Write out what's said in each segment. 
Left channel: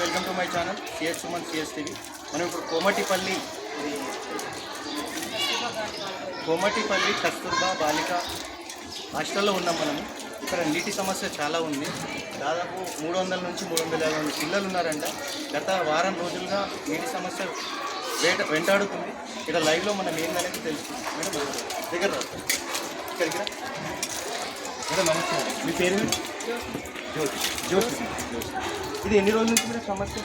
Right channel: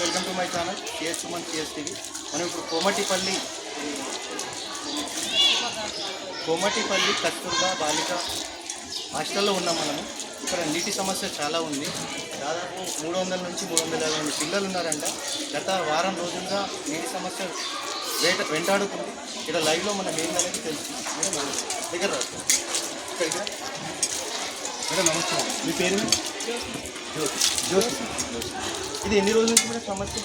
Welcome to my channel CS Suman CS TV. మనం ఇప్పుడు కోమటిపల్లి కస్తూర్బా బాలిక హాస్టల్లో ఉన్నాం. మనము ఇక్కడ నీటి సమస్య చాలా ఉంది. దాదాపు 300 నుంచి 350 మంది పిల్లలు ఉన్నారంట. గత వారం రోజులుగా నీటి సమస్య వెంటాడుతుంది. ఇక్కడ లైవ్లో మనం ఏందనేది తెలుసు. మేడం దగ్గర రాస్తాం. ఇక్కడికి మేడం నమస్తే. మీ పేరు? జ్యోతి. జ్యోతి. ఇది ఎన్ని రోజుల నుంచి కూడా సమస్య?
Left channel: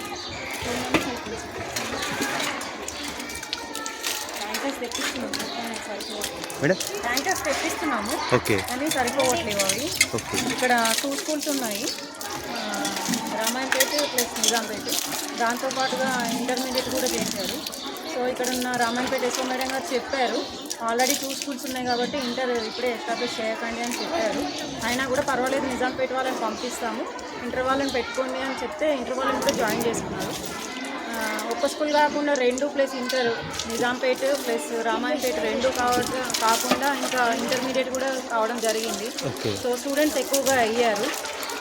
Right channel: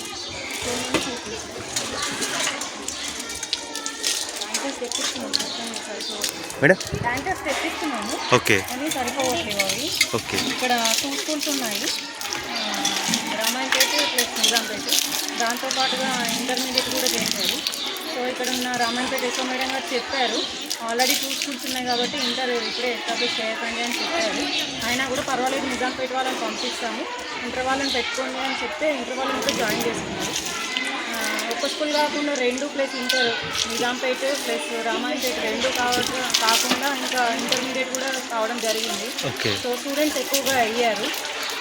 మేడం ట్యాంకర్స్ తెప్పిస్తున్నాము. ఓకే. కానీ సరిపోవట్లేవు అవి. ఓకే. ఇక్కడ 2 స్కూల్స్ ఉన్నాయి, రామాయణపేట ప్లస్ నిజాంపేట. దాంతోపాటుగా ఇంటర్మీడియట్ కూడా చేశారు. సో ఇక్కడ ఉన్న రామాయణపేట ఎస్ఓ మేడం గారు చెప్పారు, ఆల్రెడీ 2 స్కూల్స్ ఉన్నాయి కాబట్టి ఇంటర్ ఇప్పుడే ఎస్టాబ్లిష్ చేయకండి అని చెప్పారు. అయినా కూడా పర్వాలేదు, నిజాంపేట వాళ్ళని పంపిస్తాము, ఇంటర్ వాళ్ళని పెట్టుకోండి అని చెప్తే ఇంటర్ వాళ్ళని కూడా జాయిన్ చేసుకున్నారు. ఒక్క స్కూల్ కాకుండా 2 plus inter, Nizampet plus Ramayampet 2 కాకుండా ఇంకా ఇంటర్మీడియట్ కూడా కావడం జరిగింది. సో స్టూడెంట్స్ ఎక్కువగా అయ్యారు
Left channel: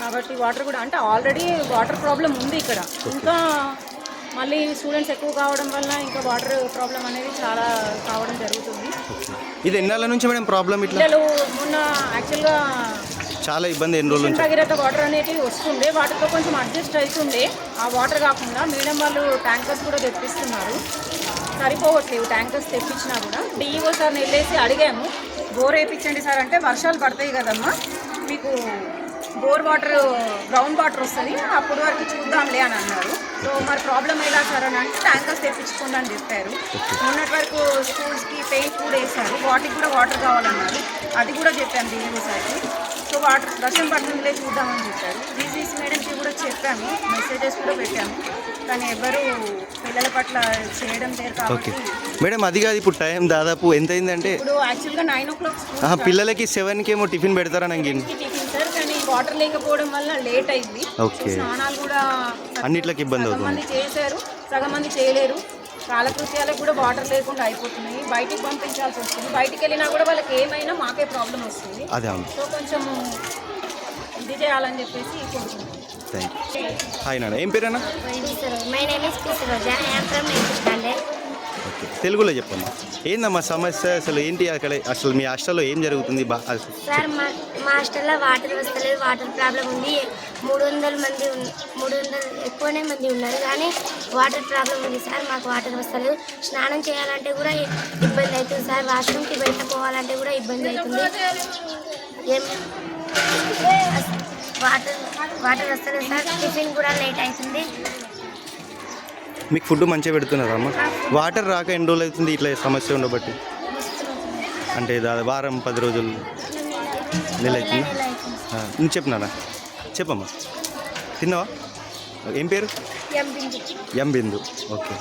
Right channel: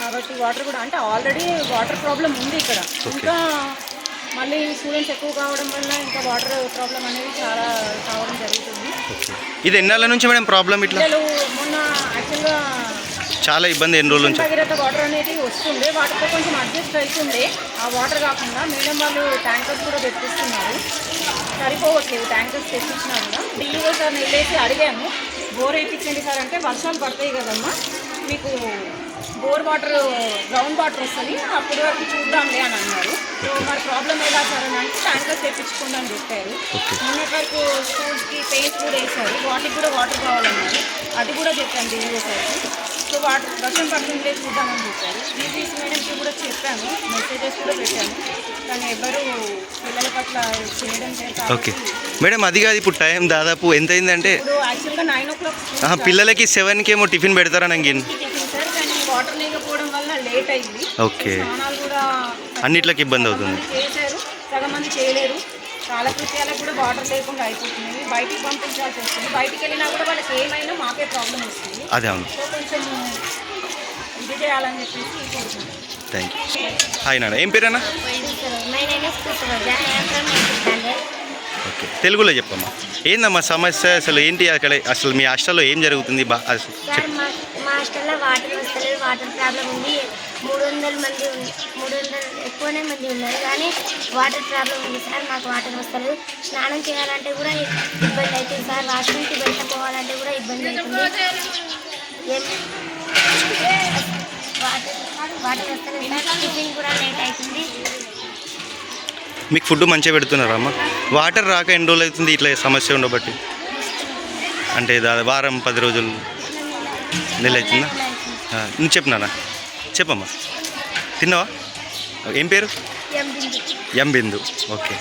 కాబట్టి వాటర్ కూడా, అంటే ఆల్రెడీ వాటర్ ప్రాబ్లం ఉంది ఇక్కడ, ఇంకా మళ్ళీ స్టూడెంట్స్ ఎక్కువ కావడం వల్ల ఇంకా వాటర్ ప్రాబ్లం అనేది చాలా కావడం జరుగుతుంది. ఇది ఎన్నాళ్ళ నుంచి మేడం ప్రాబ్లం? ఇట్లా మొన్న యాక్చువల్గా చాలా ఇబ్బంది. ఎన్ని రోజుల నుంచి భగీరథ వాటర్ అనేది వస్తుండే, వాటితో కొంచెం అడ్జస్ట్ అవుతుండే. ఆ వాటర్ కాకుండా మేడం వాళ్ళు ట్యాంకర్స్ కూడా తెప్పిస్తున్నారు, సరిపోవట్లేవు ట్యాంకర్స్ తెప్పించినా కూడా. డిఈఓ సార్ని వెళ్ళేసి అడిగాము, బోర్ వేయించండి సార్ అంటే, వర్షాలు పడతాయి కదమ్మా, మీకు బోర్ వాటర్ గ్రౌండ్ వాటర్ వస్తుంది, అప్పటి వరకు చూద్దాంలే అని అన్నారు. సో మరి ప్రాబ్లం ఎలా సార్ అని అంటే ట్యాంకర్స్ తెప్పించుకోండి అని చెప్పారు. మొన్నటి వరకు స్కూల్స్కి పెయింట్ కూడా వేశారు, వాటికి కూడా వాటర్ కావాలన్నారు, అది కూడా చెప్పాను డిఈఓ సార్కి. సో వాటర్ వర్షం పడుతుందిలే చూద్దామని చెప్పారు. డీసీసీ మేడంకి కూడా చెప్పాము, మెసేజెస్ కూడా పెట్టాము, కానీ ఎవరు పిల్లల పట్ల చేయడం లేదు. ఓకే మేడం, అది కాదు, ఇప్పుడు టైం దాదాపు ఎంత అయిందంటే? ఇప్పుడు యాక్చువల్గా 9 o'clock పిల్లలకి 7కి ఏమో టిఫిన్ పెడతారని సార్, కానీ వాటర్ లేకపోవడం వల్ల లేట్ అయింది. ఓకే. స్నానాలు కూడా అన్నిట్లకి ఇబ్బంది అవుతుంది. చేశారు, సగం మంది చేయలేరు. కాలకృత్యాలకు కూడా వాటర్ లేకుండా అయిపోతున్నాయి, బయటికి పంపించాల్సి వస్తుంది. బయటికి వెళ్ళినా కూడా వాళ్ళకి ఏమైనా మాకే ప్రాబ్లం వస్తుంది. అదే అవును. సో కొంచెం ఇది చేయాలని చెప్పేసి కోరుకుంటున్నాను. Thank you. హాయ్ నాన్న, ఏం పేరేనా? ఓకే, తెలుగులో చెప్పమ్మా. ఏందమ్మా సమస్య అసలు ఏంటి? అసలు మీ హాస్టల్లో ఏం జరుగుతుంది? సార్ మా హాస్టల్లో వాటర్ వస్తలేదు, వాటర్ ప్రాబ్లం ఉంది. 300 ఎక్కువనే మంది ఉన్నారు, కానీ వాటర్ ప్రాబ్లం ఉంది సార్. మాకు వాటర్ వస్తలేదు, స్నానం చేయాలంటే కూడా ఇబ్బంది అవుతుంది సార్, వాష్రూమ్కి వెళ్ళకపోవాలంటే కూడా ఇబ్బంది అవుతుంది. వాటర్ వస్తలేదు సార్, టిఫిన్ కూడా లేట్ అవుతుంది. మీకు ఫుడ్ మంచిగా పెడుతున్నారా అమ్మ? వాటర్ రాక ఎన్ని రోజులు అవుతుంది ఇట్లా సమస్య ఉండబట్టి? అంటే వారం 10 రోజులు, నెల అవుతుందా? నువ్వు చెప్పినానా? చెప్పమ్మా. తిన్నావా? ఏం పేరు? ఎం బిందు. ఓకే.